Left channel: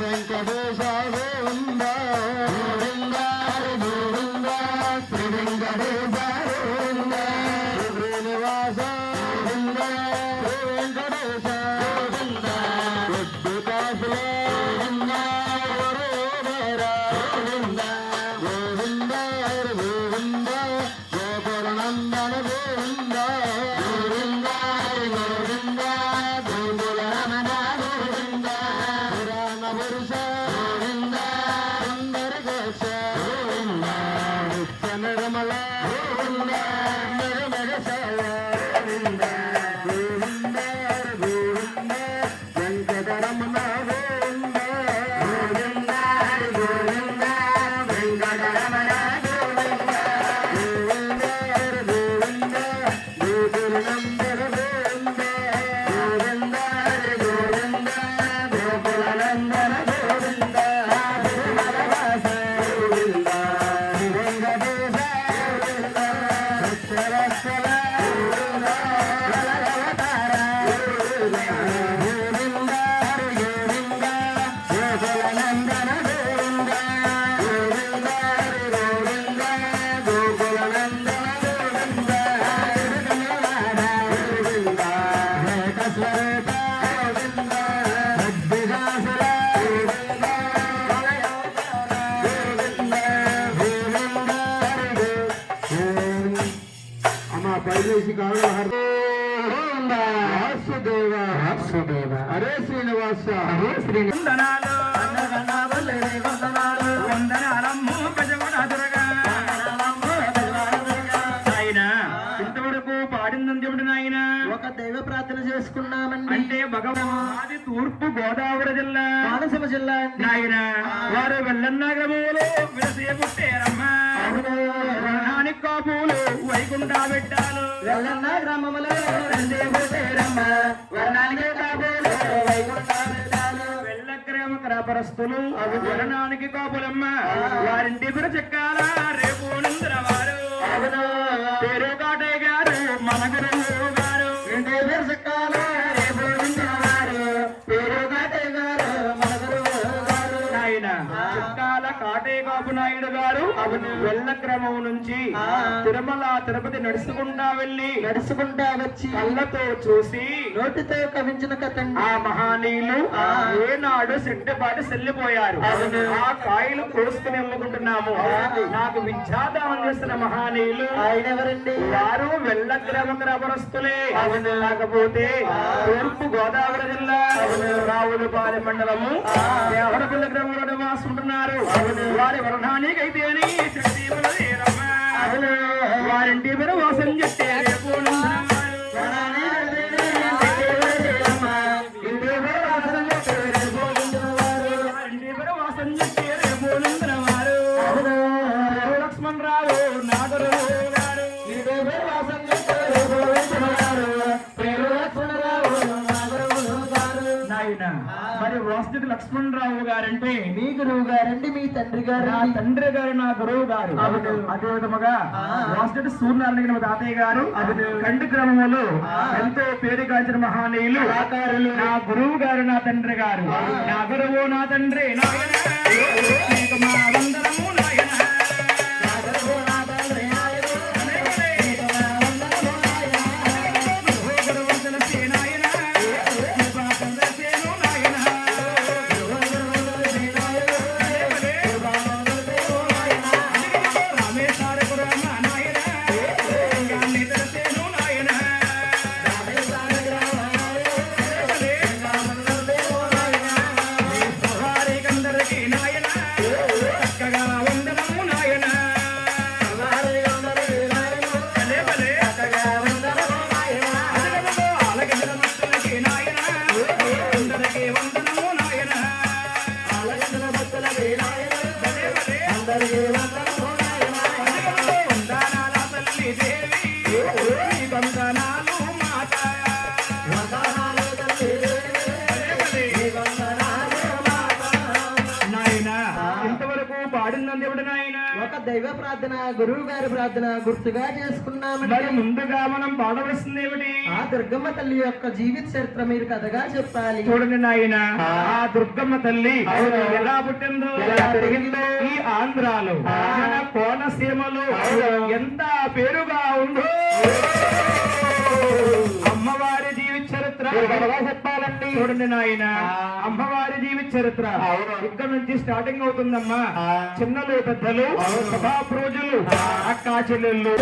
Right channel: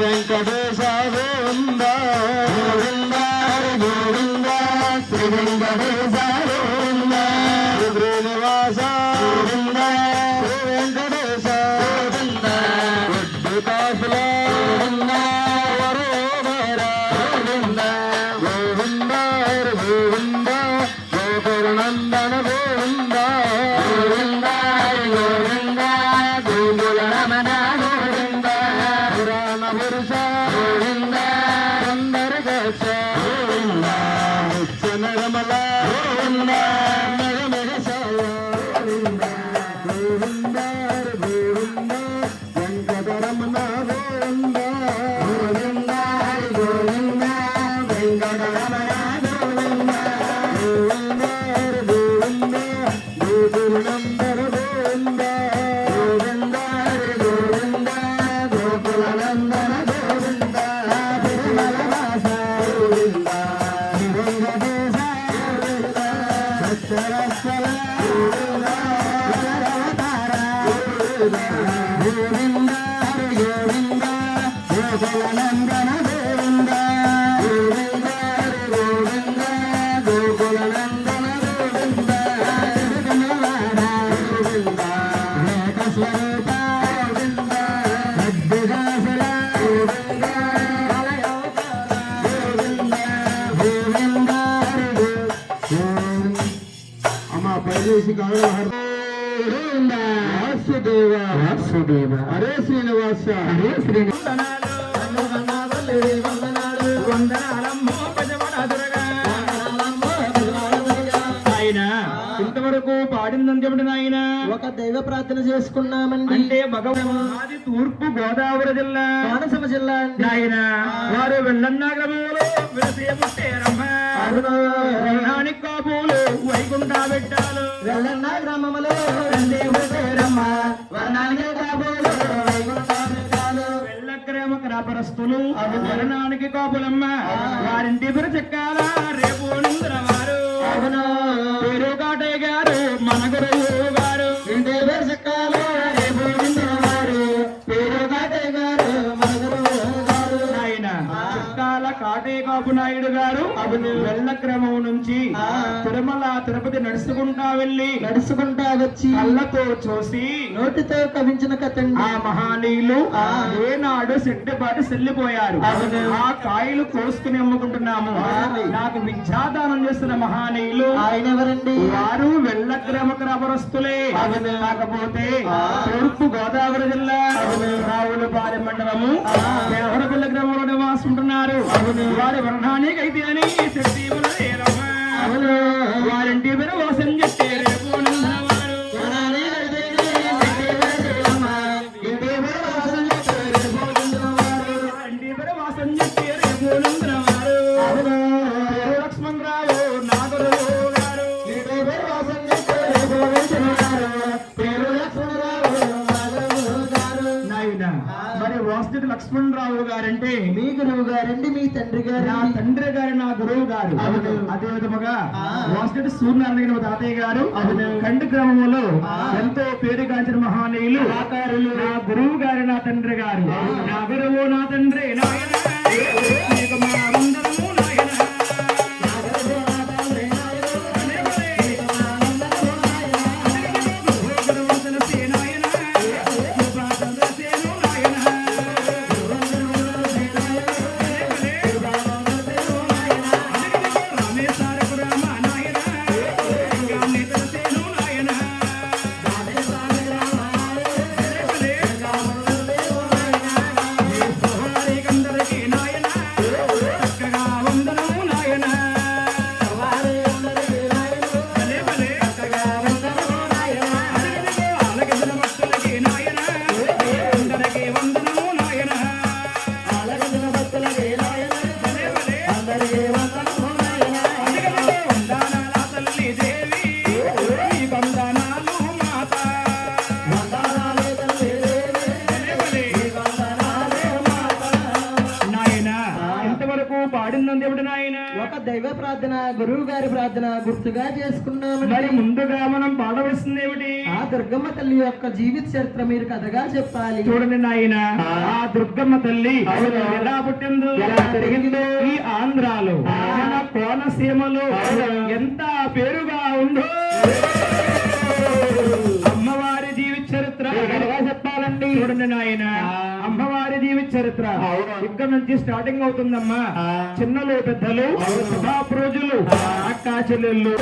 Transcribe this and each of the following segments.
వెంకటేశ వాసుదేవ. వాసుదేవ. హరే శ్రీనివాస. హరే శ్రీనివాస ఇంతవరకు పాడిందని చెప్పిన ఆయన ఒక దైవ ప్రార్థన చేసుకున్నామండి. అంటే భగవాన్ అది తూర్పు గోదావరి జిల్లా. కోనసీమ జిల్లా అండి. నాయన వారు వర్ణానికి కోపులు వైకుంఠ పెట్టాలు రెండే పుట్టారమ్మ. క్రాపరస్తులు వర్ణానికి కోపులమ్మ వారింటి చెక్కాల రేపు వారు చుక్కాల కాటే కాపు నాయుడు గారు వెళ్ళ క్రమం నుంచి. తిరుమల తిరుపతి నడుచుకుంటా వెళ్ళి నడుచుకుంటా వచ్చి కళ్ళతో చూసి నోటితో కవించిన కథండి ఆ మహానీయులు. ఏనాడు శక్తిపాటి చెల్లిపోయారు అవును. ఆ కాయలు కోసుకుని అమ్ముకుంటున్నాము. నాకు విద్యాదానం చేసిన మహానీయులు ఆయన ఎవరండి వారు వెళ్ళ క్రమ క్రమరస్తులే. కాకపోతే. తూర్పు గోదావరి జిల్లా రావులపాలెం మండలము. దేవరపల్లి గ్రామంలో చేసుకుంటున్నారు. వారి వర్ణానికి అయితే తండ్రి నా గారు తండ్రి గారు నా గురువు గారు అవును. అదే విధముగా. వాసుదేవ సూర్యనారాయణ తాతయ్య గారు అవును. కండి గ్రామంలో ఆ. ఎంతో పేరుగాంచిన మహానీయులు. నా గురువు గారు నా తండ్రి గారు. నా గురువు నా తండ్రి చేసుకున్నామండి ముందుగా మనం పాడవలసింది ఏమిటి? ఆ దుర్గమ్మ తల్లి యొక్క జీవిత చరిత్ర మీరు కథగా చెప్పాలి. చూడండి నాయన ఆ. దుర్గమ్మ తల్లి ఎలా పుట్టిందో. ఎలా పెరిగిందో, ఈ ఆంధ్రాలో మన కోనసీమలో ఎంత పేరుగా ఉందో. చూడండి నాయన. అమ్మవారి జీవిత చరిత్ర. ఇక్కడ నుంచి స్టార్టింగ్ అవుతుందమ్మా. చిన్నలు పెద్దలు సభాపు రోజులు అక్కా చెల్లెళ్ళు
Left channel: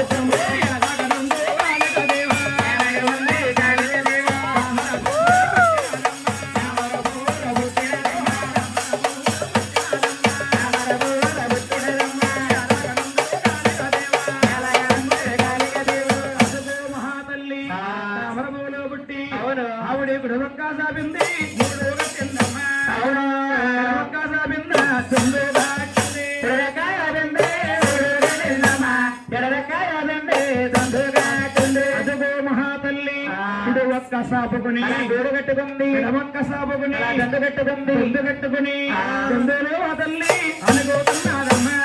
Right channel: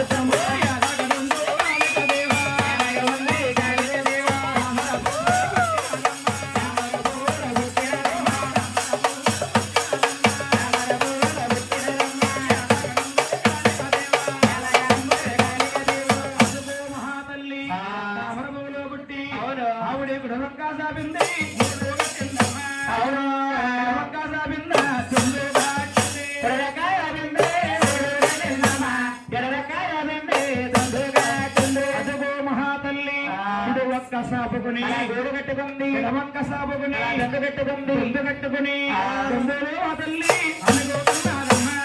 సాపుకుని గోడు కట్టుకుంది గుడవక్క సాపుకుని దండు కట్టుకుంది. దండు కట్టుకుని ఆ తల్లి అనుకోతున్నారమ్మా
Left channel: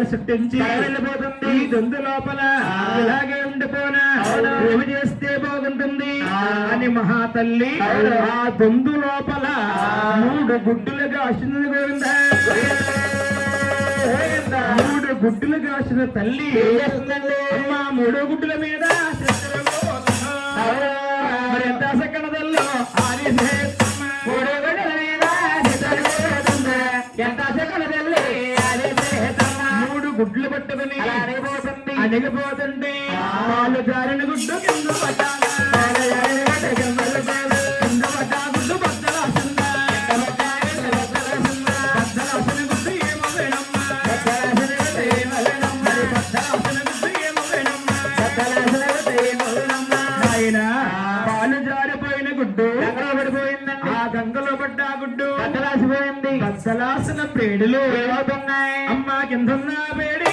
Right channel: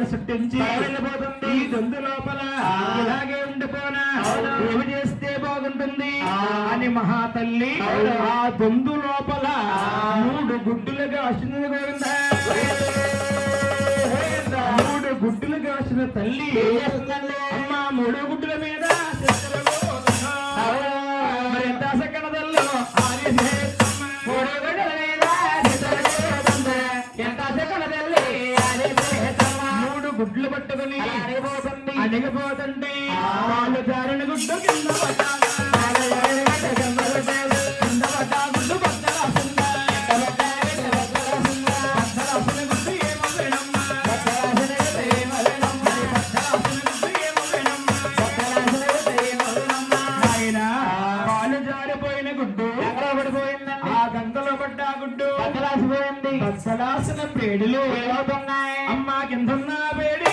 భూతగాడు సృష్టించి వెళ్ళిపోతుంది ఈ దొందు లోపల ఇలాగే ఉండిపోనా? ఏమి చేస్తే బాగుంటుంది? అని మహాతల్లి ఆ దొందు లోపల మూడు గుడ్డులుగా అశ్విని గోవిందా. మూడు గుడ్డులు కాసిన తల్లి. అమ్మ మూడు గుడ్డుల మీద బద్దలాసిన పేడులు అమ్మా కిందన్న పేడి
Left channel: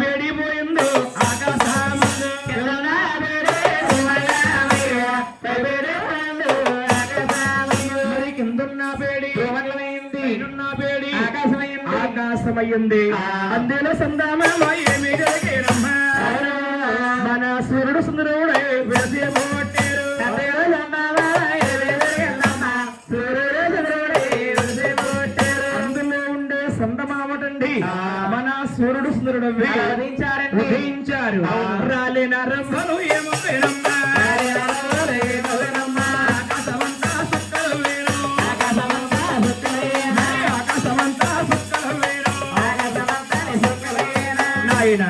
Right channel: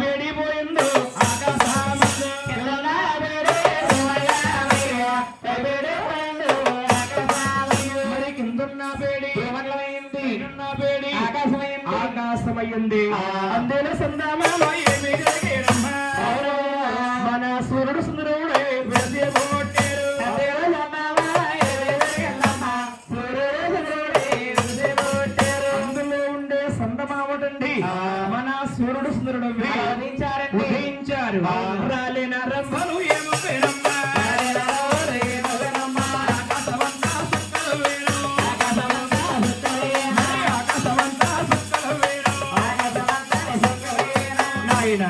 పేడి పోయిందో ఆకాశమయ్యింది. అందులో సందామా నాయన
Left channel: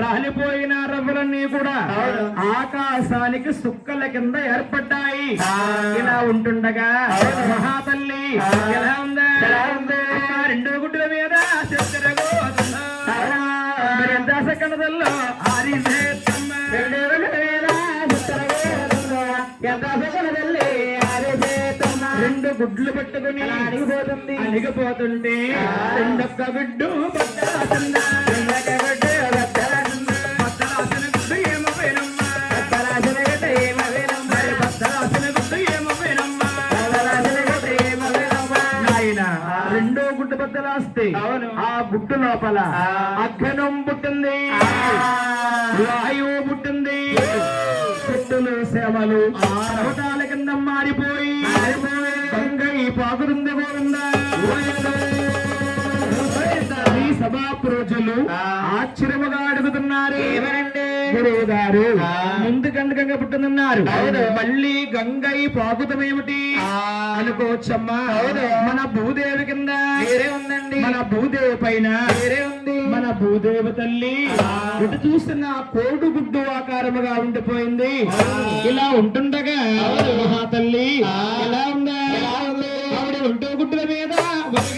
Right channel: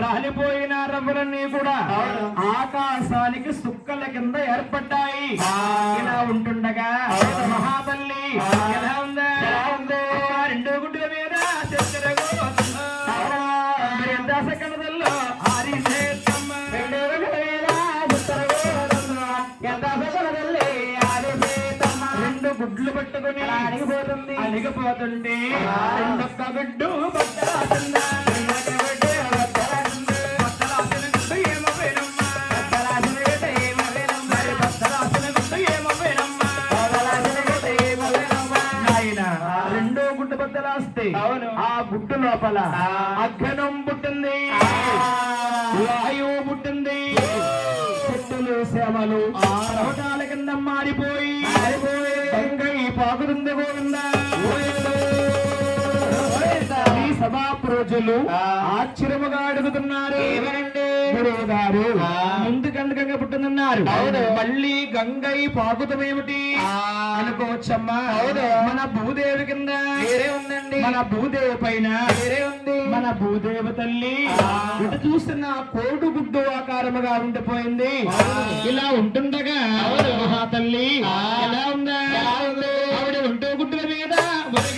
రాలిపోయిన రవ్వలన్నీ కూడా ఆకాశానికి సుక్కల కింద ఏర్పడ్డాయి. ఇలా ఉంటుండగా మహాతల్లి ఎలా ఉందా? ఆ. రెండు గుడ్ల మీద సకలదల్లో ఆరిసేత్తమ్మ. రెండు గుడ్లు పట్టుకుని అణిగిపోతుంది. అణిగిపోతుంటే రెండొక్క గుడ్డు లోపల. అఘనం పుట్టింది. వాయువు పుట్టింది. చెట్టులు సేవలు. పర్వతాల కింద మారిపోయి. గంగై పాకుతుంది గోవిందా. ఈ సభా ప్రజలు ఆశ్చర్యముగా అడుగుతున్నారు. గారు ముందు గంగ పుట్టిందన్నారు. మళ్ళీ గంగై పాకుతమేమిటి అనుకోవచ్చమ్మా. మన భూదేవి కింద వేరే ఉందండి. మన భూదేవి పైన వేరే ఉంది. మన భూదేవి తల్లి. ఇటు చూస్తున్న కోడు గుడ్డు ఆకారముగా ఉండిపోయింది. ఇలా ఉంటుండగా మహా తల్లి ఎలా ఉందా? ఆవిడ గుడ్డ పట్టుకుని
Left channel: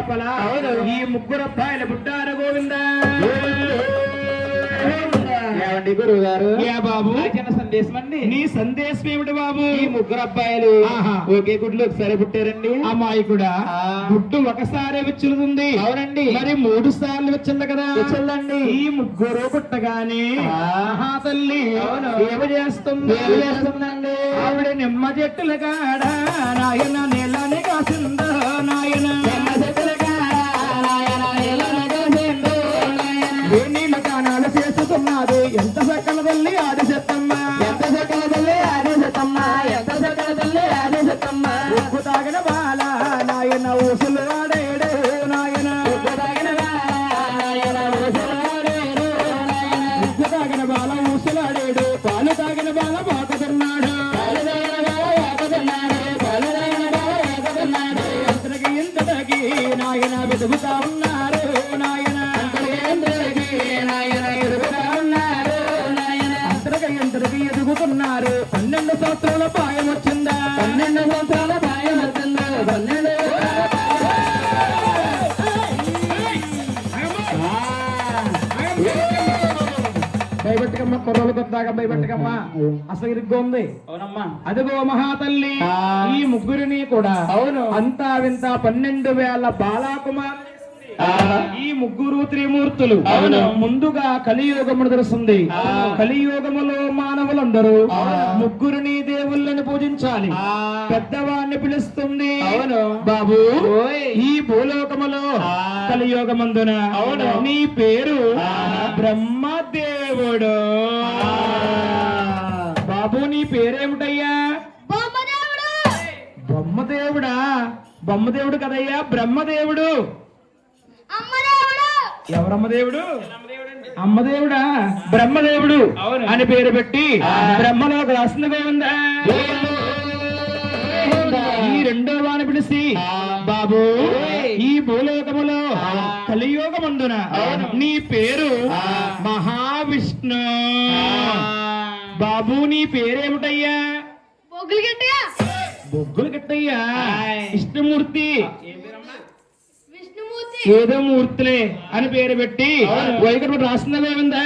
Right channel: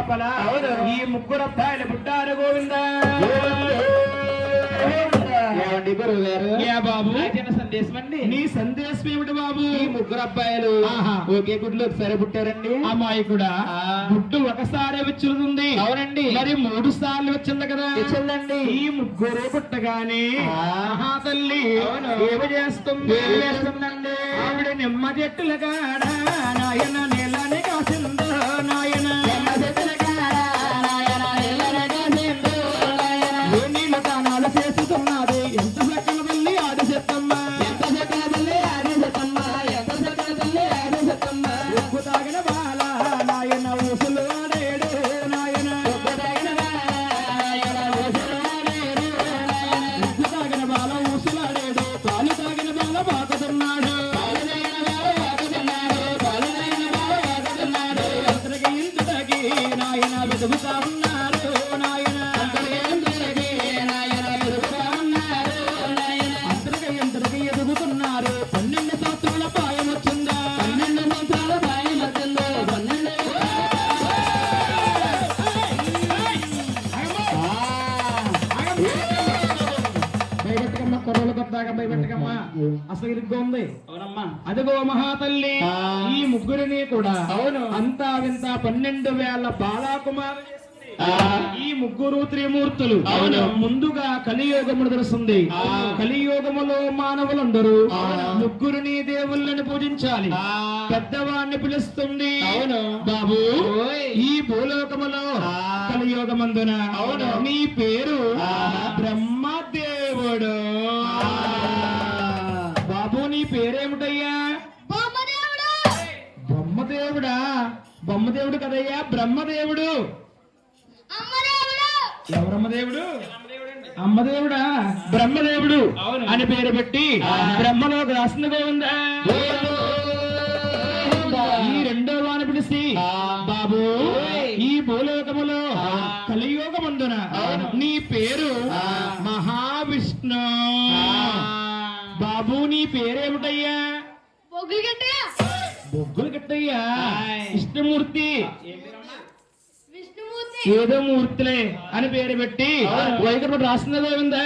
లోపల. ఈ ముగ్గురు అబ్బాయిల బుట్టారు గోవిందా ఏమండి గురువు గారు ఏ బాబు చిన్న సందేశం అండి నీ సందేశం ఏమిటి బాబు ఈ ముగ్గురు అబ్బాయిలు ఆహా. ఒకే గుడ్లు ఒకసారి పుట్టారండి అమాయకుడా ఆ. గుడ్డు ఒకసారి విచ్చులుతుంది అవునండి. మరి మూడు సార్లు వచ్చింది కదా వచ్చిందండి. ఈ ముగ్గురు పుట్టగానే ఆ. మహా తల్లి. ఏమి చేస్తుంది ఏమి చేస్తుందండి? ఆవిడ నిమ్మ చెట్టుల కాడ నాయన భయపెట్టకమ్మ కొర్రలు కొద్దాగా భయపెట్టకమ్మ అసలు ఇరుగ్గా ఉంది అవునమ్మా అదిగో మహాతల్లి. ఈ ముగ్గురిని కూడా అవును. అంతా వింత పన్నెండు వేల బాలాకుమార్. ఈ ముగ్గురు త్రిమూర్తులు. ముందుగా కలియుగమును తెలుస్తుంది. కలియుగములో మానవులందరూ. ముగ్గురిని దేవుళ్ళని పూజించాలి. పెద్దవాడిని పిలుస్తుంది అవును. బాబు. ఈ భూలోకములో ఆ. కలియుగమందున అవును. నీ పేరు ఆ. బ్రహ్మదేవుడు బాబు నీ పేరేమిటయ్యా బ్రహ్మదేవుడా బ్రహ్మదేవుడు కదయ్యా బ్రహ్మదేవుడు ఎవరమ్మదేవుడు అమ్మదేవుడా బ్రహ్మదేవుడు అవును. అని పేరు పెట్టి ఆ. బ్రహ్మలోకి రాసిన గోవిందా ఈ రెండో వాని పిలిచి. బాబు. ఈ భూలోకములో. కలియుగమందున. నీ పేరు. మహావిష్ణు. బాబు నీ పేరేమిటయ్యా? బొగ్గులు గిట్టయ్యా ఆయ్. విష్ణుమూర్తి. ఏదో మూర్తులే అని పేరు పెట్టి అవును. వైకుంఠుడు రాసినదేమిందా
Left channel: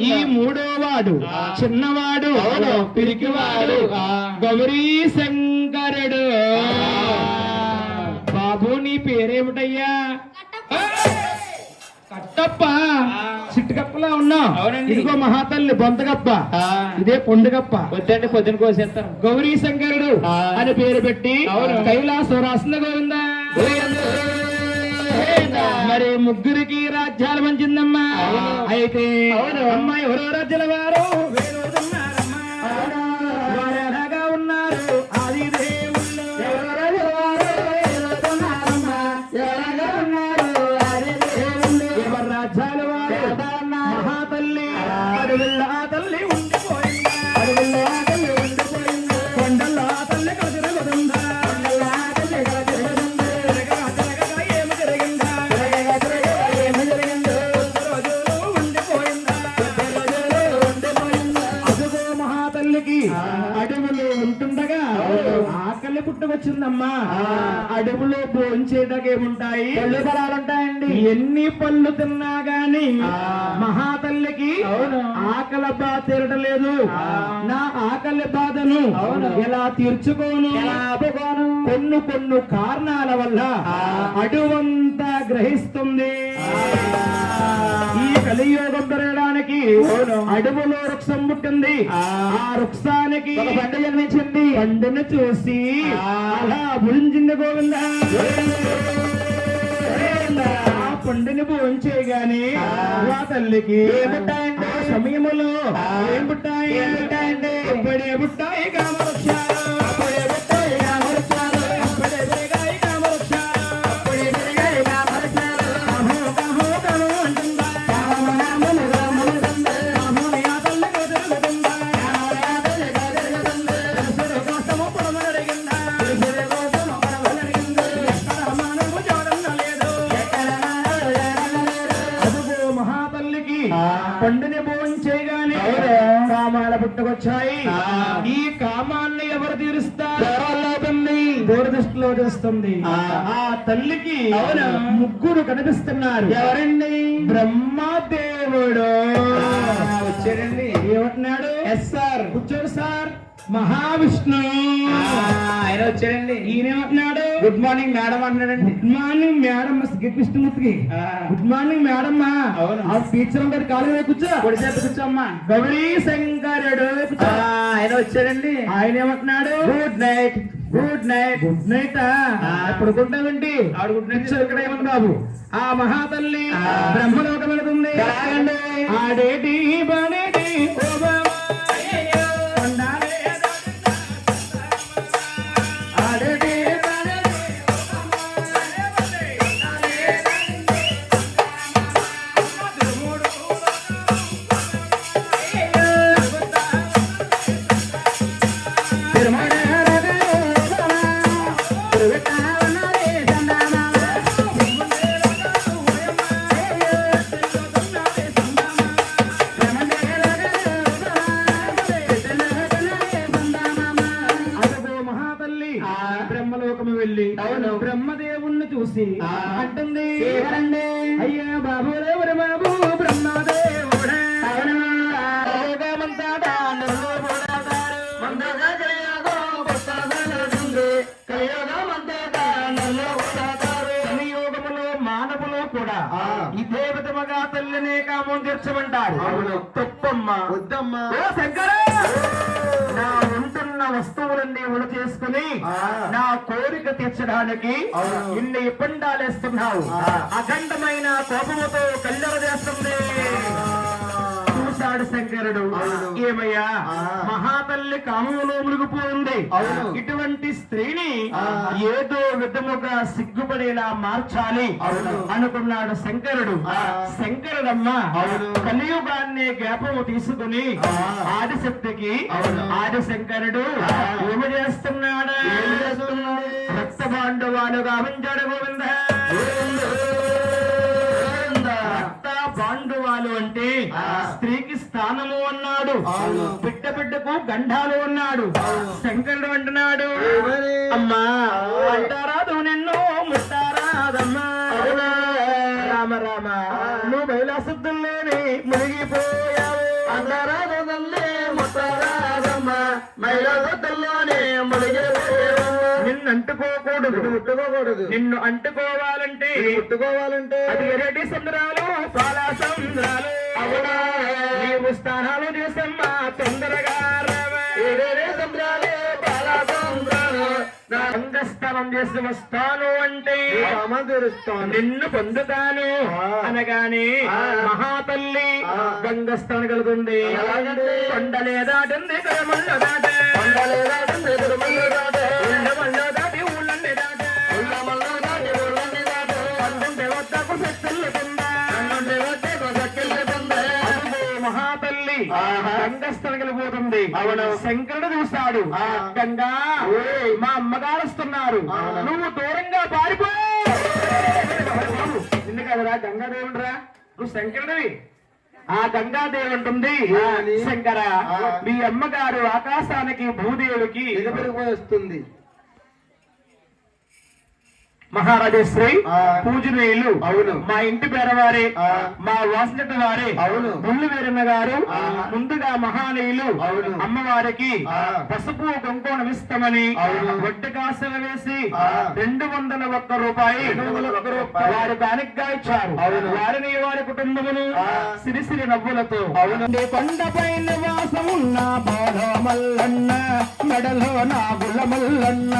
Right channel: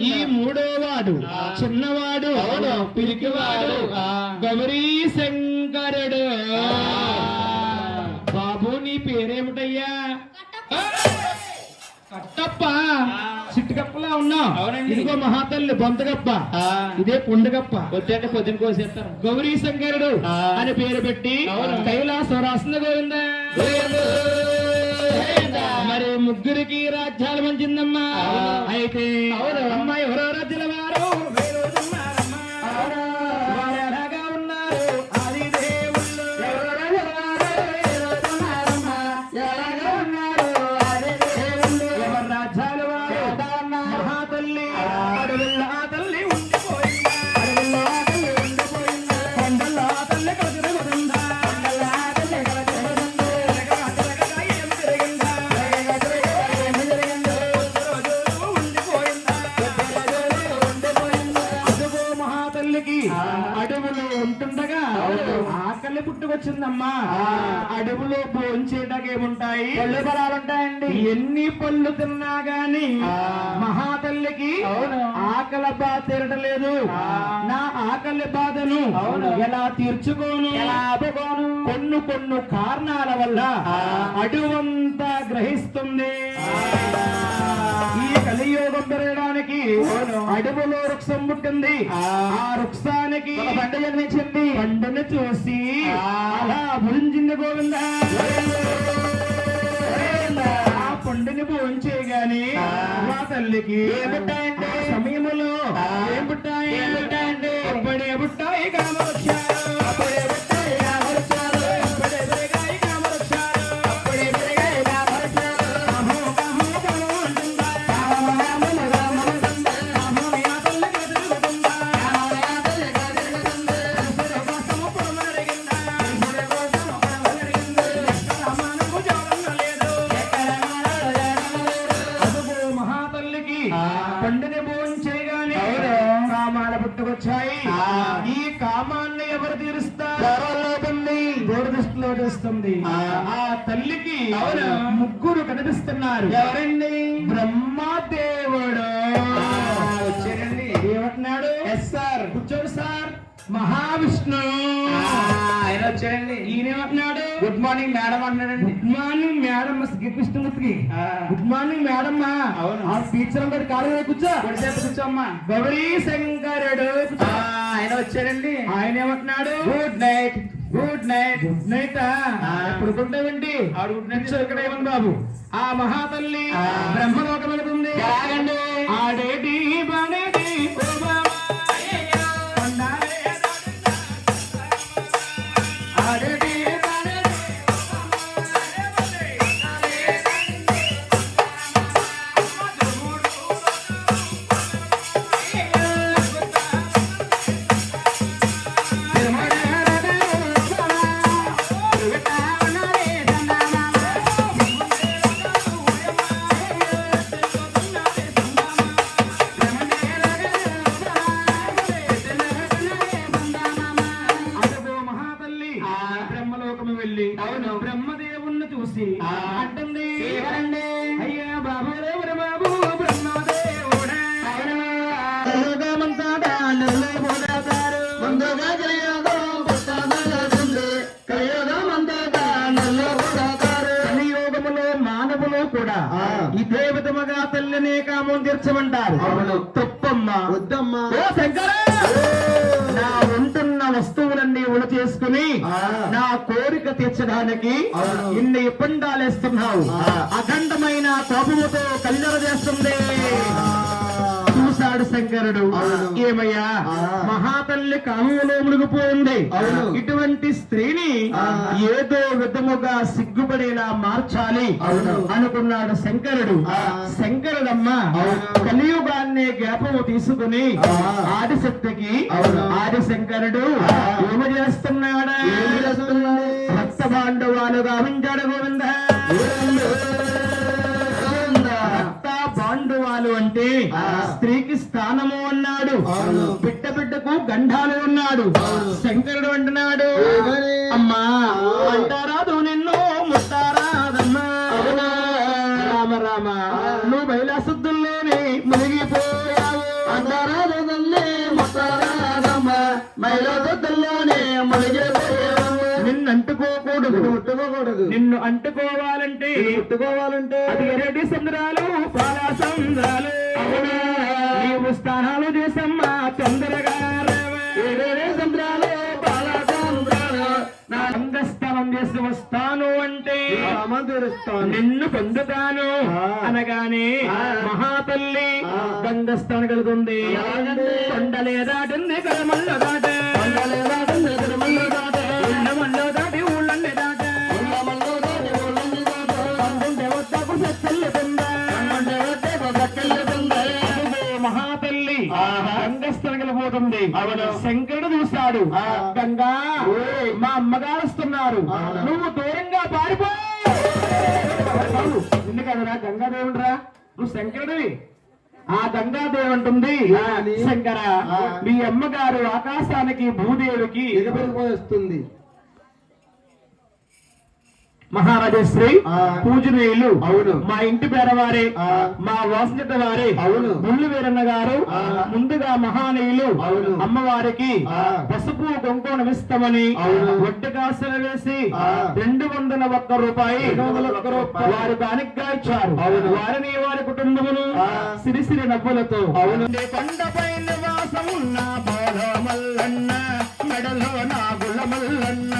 ఈ మూడో వాడు చిన్నవాడు. పిరికివాడు. గౌరీ శంకరుడు పేరేమిటయ్యా? కట్టప్ప. సిట్టుకప్పలా ఉన్నావు అవునండి. ఇదిగో మహాతల్లి బొంతగప్ప. ఇదే పొండుగప్ప వద్దండి పొద్దున కోసేస్తారు గౌరీ శంకరుడు. అని పేరు పెట్టి. కైలాసం రాసిన గోవిందా. మరి ముగ్గురికి రాజ్యాలు మంచిందమ్మా. అయితే అవును. అమ్మ ఎవరో రాజ్యాల భోంచేటకి ఏముంటాయి పళ్ళు ఫలాలుంటాయండి ఎన్ని పళ్ళు తిన్నా గాని. మహాతల్లికి అవును. ఆకలి బాధ తీరటం లేదు ఆ. నా ఆకలి బాధను. ఎలా తీర్చుకోను? కొన్ని కొన్ని కారణాల వల్ల ఆ. అడువంతా గ్రహిస్తుంది ఈ కలియోగం పెరగడానికి. అడవులో వృక్షం పుట్టింది ఆ. వృక్షానికి పండు జన్మించింది పండును చూసి. అలా భుజించింది గోవింద భోంచేయగానే ఆ. ఆ తల్లికి ఆ. ఏం పుట్టాయి ఏం పుట్టాయండి? అప్పుడే పుట్టాయి చేస్తుంది ఆ. తల్లికి. ముగ్గురు కనిపిస్తున్నారు. ఎవరండి? బ్రహ్మదేవుడు వచ్చారండి. ఏమంటున్నాడు? Yes sir. కూర్చోడు సార్. మహావిష్ణు. ఆయన వచ్చారండి ఈయనేమంటున్నాడు? గుడ్ మార్నింగ్ మేడం అన్నాడండి good morning madam కృష్ణమూర్తికి. Good morning madam. అవును. ఆ టీచర్ గారి కాలు కూర్చో. చేత కూర్చోమ్మా. గౌరీ శంకరుడు. ఆయన వచ్చారండి ఆయన ఏమంటున్నాడు good night. Good night good night ఆ. ఎప్పుడు గుంటావేంటి ఆవిడ గుడ్ నైట్. ఇక్కడ ఏమని బాబు. ఆ మహాతల్లి ఆ. బ్రహ్మలోకం వెళుతుంది? ఆడేటి బడేటి తీర్చమంటారు అవును. తప్పమ్మ వద్దమ్మా ఓ శంకర నా ఉంటున్న వస్తువులన్నీ ఉణ చేసుకుని. నా కోరిక తీర్చడానికి. ఇన్ని ఇబ్బందాలేస్తున్నావు. అఖండమైన కోపముతో కల్లెర చేస్తుంది చూశాడు శంకరుడు. ఏమయ్యా. మహాతల్లి కామంలో మునిగిపోయింది. ఇటువంటి స్త్రీని. ఏదో విధముగా సిగ్గుపడేలా మార్చాలి. అనుకున్నాడు శంకరుడు. శంకరుడమ్మ. కలియుగాన్ని జ్ఞాపము తీసుకుని. ఆదిశక్తికి. ఆదిశంకరుడు. ఏమి చేస్తున్నాడు? భక్త పాండవాలుగా ఉంచాడు గోవింద బిడ్డకు గంధాలు అవును. శంకరుడు అంటున్నాడు? అమ్మా. అంటారాదు నిన్ను ముట్టారాదమ్మా అవునా? రామ రామ నువ్వు బయలాశుద్ధుల్లేని మునిగిపోయావు ముట్టుకోకూడదు నిన్ను అంటుకోవాలంటే ముట్టుకోవాలంటే అది ఎరటి సంద్రాలు పాలా సంద్రాలు అవునా? నీవు స్థానాలు చూసమ్మా తొందరగా రావే. ఏడేడే సంద్రాలు పాలా సంద్రాలు నా అంగస్థానం చేసి వస్తాను అంటే నిన్ను పొందుతాను. అనగానే. మహాతల్లి. గంగస్థానం కలుగుతుంది ఎలాగండి? కొండలే దాటింది కరమల్ల దాటే కొండలేదాటంది, తిరుమల శంకరుడు చూస్తాడు ఆ. గంగా. మా అమ్మగారు వస్తున్నారు. నువ్వు దూరంగా పారిపో నిన్ను కదరా గంగాదేవుడురా నువ్వు శంకరుడివి ఆ గంగాదేవి అని? శంకర. మీ అమ్మగారు ఆకాశానికి భూదేవికి ఎగబడిపోయి ఆ. పూజనీయులు అవును. మా ఇంటి పేరవారే. మా వాసులట వారే అవును. ముళ్ళు వీరన్న గారు. ముందుగా మహానీయులు అవును. అమ్మవారికి. పసుపు కుంకుమ ఇస్తామని కాసులు వేసి. రెండు వందల ఒక్క రూపాయి. వారు కానిగ్గా ఇచ్చారు అవును. వారిని వారి కుటుంబమును ఆ. సిరిసిరి నవ్వులతో అవును. కొండపై నివాసం ఉన్న మల్లన్న మెడలో నాగుల మల్లన్న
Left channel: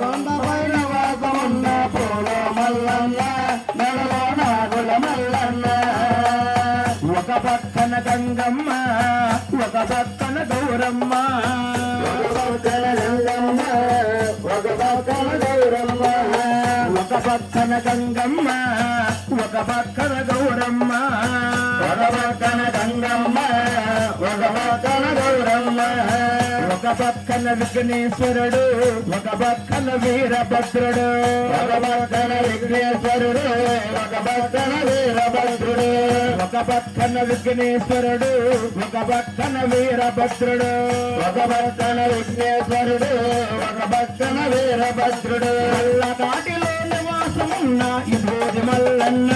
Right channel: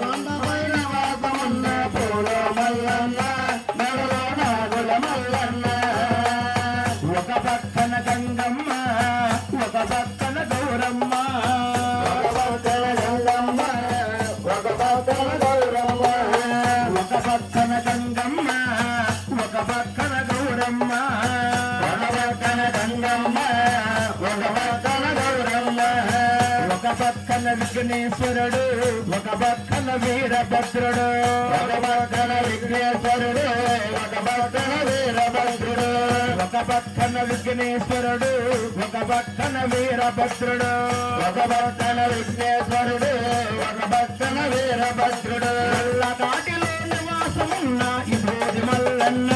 కొండపైన పక్కన గంగమ్మ ఒక పక్కన గౌరమ్మ ఒక పక్కన గంగమ్మ, ఒక పక్కన గౌరమ్మ. ఒక పక్కన విఘ్నేశ్వరుడు ఒక పక్కన వీరభద్రుడు ఒక పక్కన విఘ్నేశ్వరుడు ఒక పక్కన వీరభద్రుడు ఒక పక్కన విఘ్నేశ్వరుడు ఒక పక్కన వీరభద్రుడు ఒక పక్కన విఘ్నేశ్వరుడు ఒక పక్కన వీరభద్రుడు కాటిలో నివాసమున్న ఈ మల్లన్న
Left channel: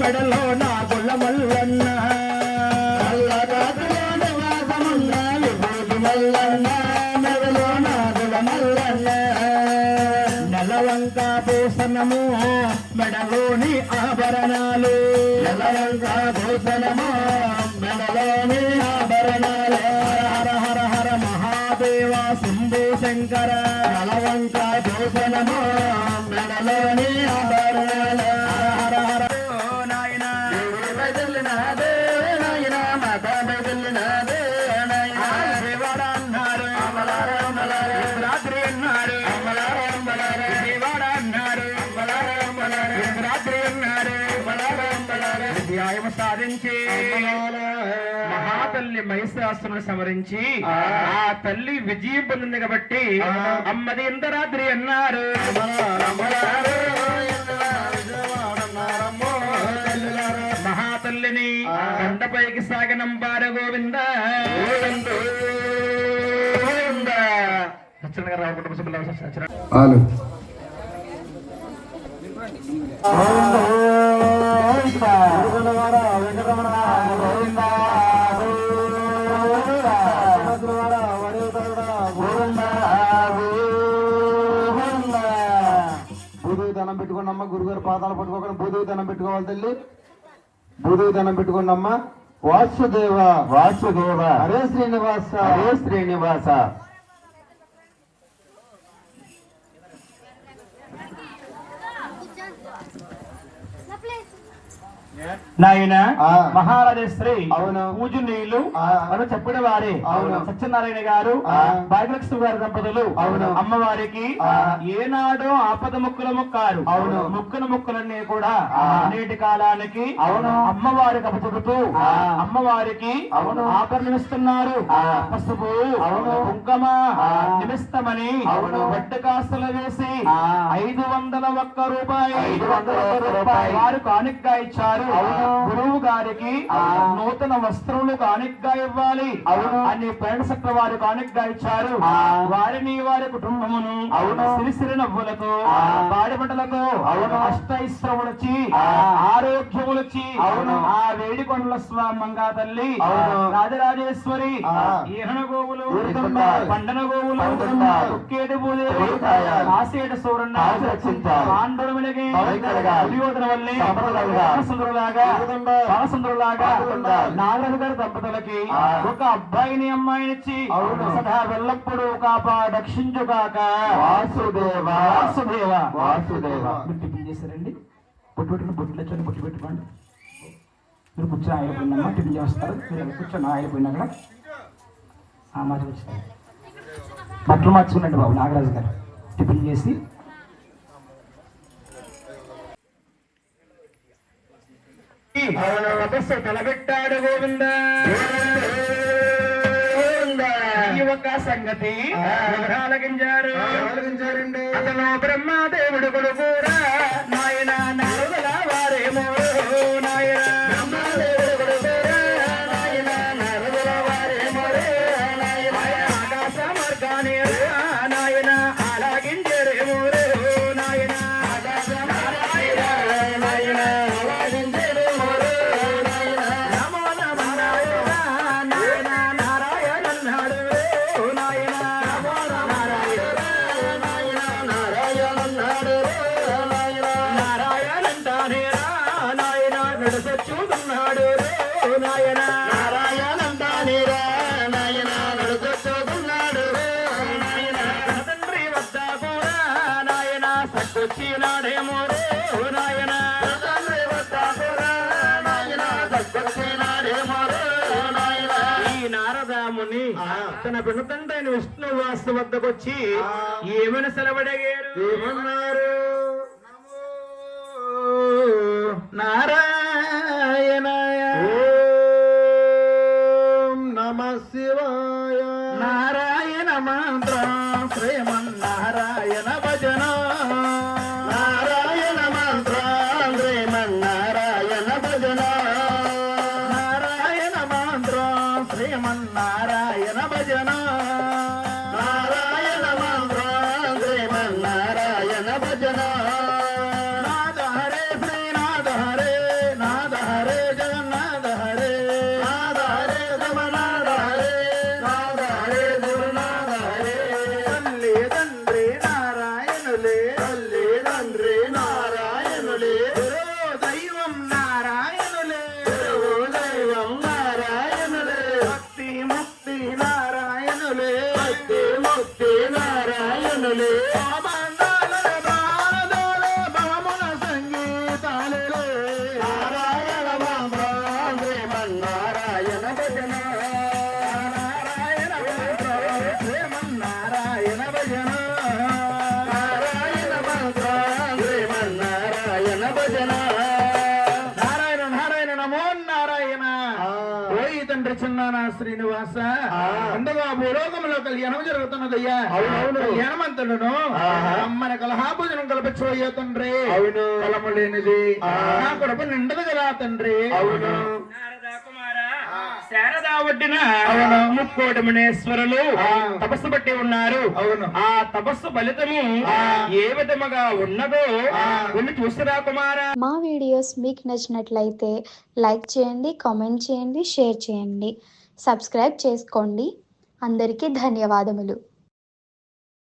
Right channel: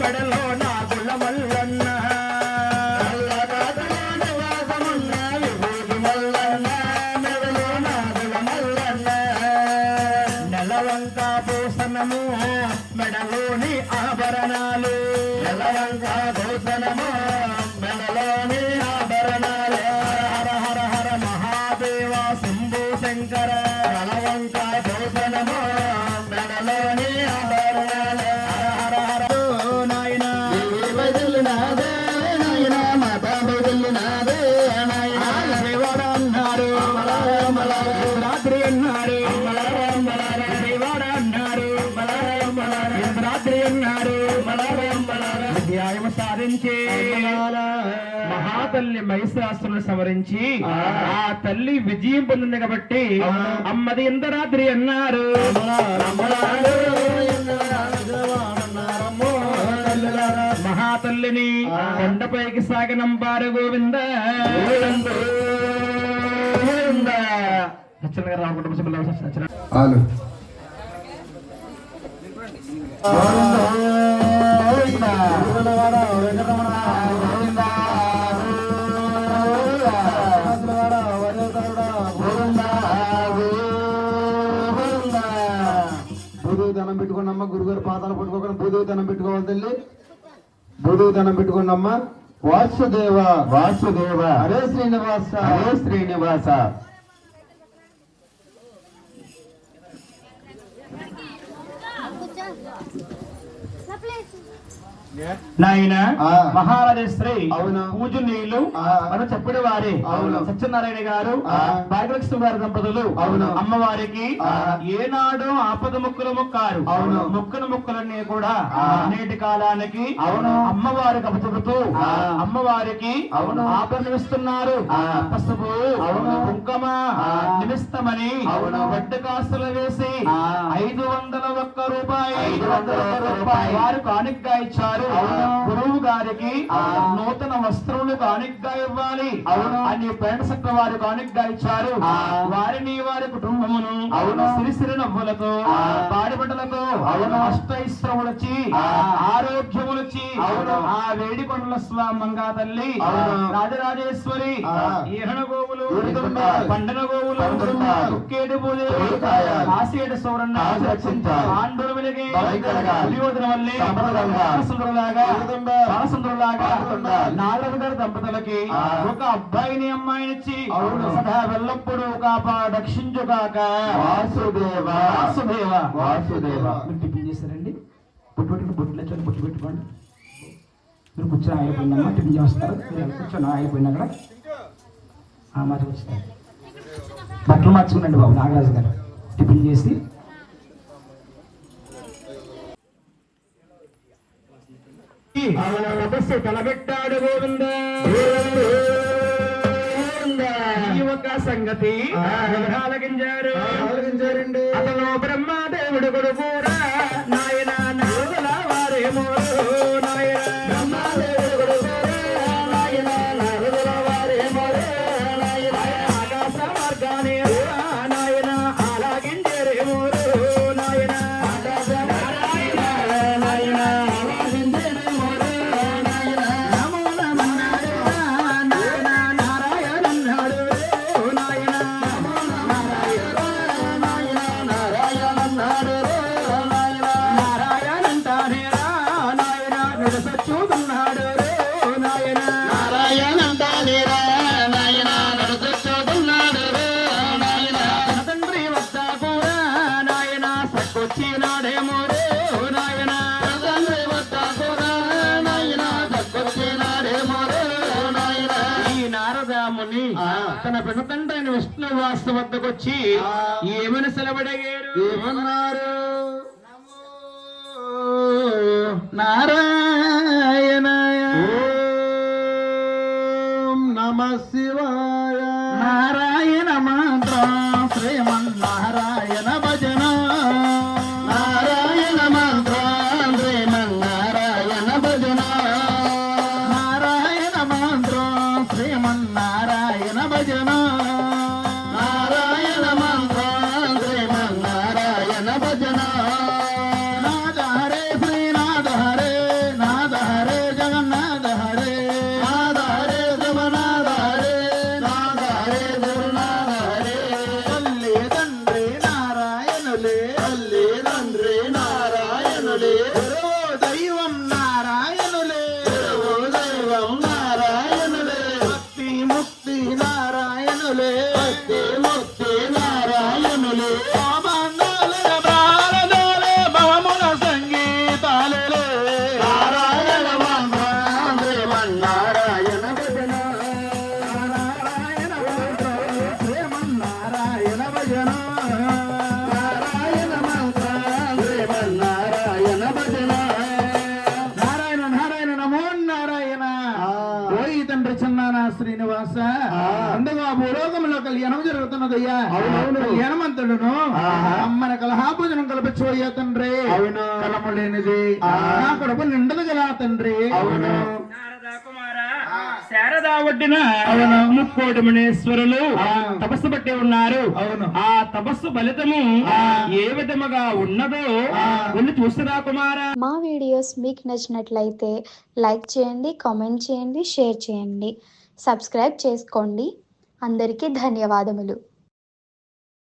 మెడలో నా గుళ్ళ మల్లన్న. సవరించి ఆ. తల్లి విజయం పొందింది కాబట్టి అమ్మది ఇంద్రాద్రి అన్నారు. మహాతల్లిని కొండపైకి సాగనంపారు గోవింద. గోవింద. సత్యనారాయణ గారు రావు కుటుంబ సభ్యులు పాదాలు పట్టుకోకుండా భూదేవి దండం పెట్టుకోవాలి తల్లి. భూదేవి దండం పెట్టుకోండమ్మా. వాసుదేవ. వాసుదేవ. హరే శ్రీనివాస. హరే శ్రీనివాస. నాయన ఆ. మహారాజశ్రీ అవును. పూజనీయులు. అని చెప్పిన వారే అవును. సత్యనారాయణ గారు. భాగ్యలక్ష్మి గారి దంపతులు అవును. అమ్మవారికి. ఏనాడో ఆపద ముక్కుల మొక్కారు అవును. మొక్కుల మొక్కులన్నీ కూడా. నేటి కాలానికి అవును. అమ్మవారికి అప్పచెబుతూ. అమ్మవారికి అవును. ఆభరణమిస్తున్నారు ఆ. పసుపు అవును. కుంకుమ. నిమిస్తమని అవును. వడ్డ కాస్తలు వేసి. ఐదు వందల ఒక్క రూపాయి. వారు కానుకగా ఇచ్చారు. గురువు గారికి. నూతన వస్త్రములు కానుకగా ఇవ్వాలి. అని పేట సత్ర వారు కానుకగా ఇచ్చారు. వారిని వారి కుటుంబమును అవును. సిరిసిరి నవ్వులతో ఆ. పాడిబట్టలతో అవును. అష్టైశ్వరములొచ్చి ఆ. ఆరోగ్యములొచ్చి అవును. ఆ వేడికొండల స్వామంగా తల్లి. రాజరాజేశ్వరి గోవులు. పండన గోవులు. కుక్కేటి పూజలు. ఆసేట సూరన్న వల్లే బాలచంద్రులాగా ఊరుతుందా. నాగరాజు గారి దంపతులకి. ఒక అబ్బాయిని అమ్మాయినిచ్చి అవును. సదా వెళ్ళప్పుడు కాపాడక్షించుగాక వాసుదేవ. వాసుదేవ. వాసుదేవ. మీరు టిఫిన్ చేశారండి? బొట్టు పెట్టుకుని బొట్టులో వచ్చి బొట్టు పెట్టుకోండి. మీరు కూర్చొని పోయిందమ్మా టిఫిన్ చేస్తారు. మీరు కూర్చొని ఆయిల్ పోయినా కూడా ఆ మాట బట్టలు మార్చుకున్నాండి బాబు నాగరాజు గారు. టిఫిన్ చేసి తపస్సు తలబెట్టాడు గోవింద. ఈ ఒక సంగతి ఆలోచించారండి అతను బ్రహ్మదేవుడు కొడుకురా నాయన విష్ణు వాస వద్దకు వచ్చి ఏమని సెలవడగారు? ఏమన్నారు? ఆహా. అమ్మని కలహాభోజనం కల్పించబోయే తండ్రి. అవును. కలము లేనిది. నా కడుపు నిండదు కదా తండ్రి. అవును. నారదా కుమార శారదా ఒడ్డిన ముక్కోటి మునేశ్వరులు తపస్సు పట్టి ఉన్నారు. అవును. ఆ తపస్సు ఫలితము ఏ విధముగా ఉన్నదో వెళ్ళి చూసిరా కుమార. మా వీడియోస్ మీకు నచ్చినట్లయితే లైక్ చేయండి కామెంట్ చేయండి షేర్ చేయండి. సబ్స్క్రైబ్ చేసుకోండి. అందరికీ ధన్యవాదములు.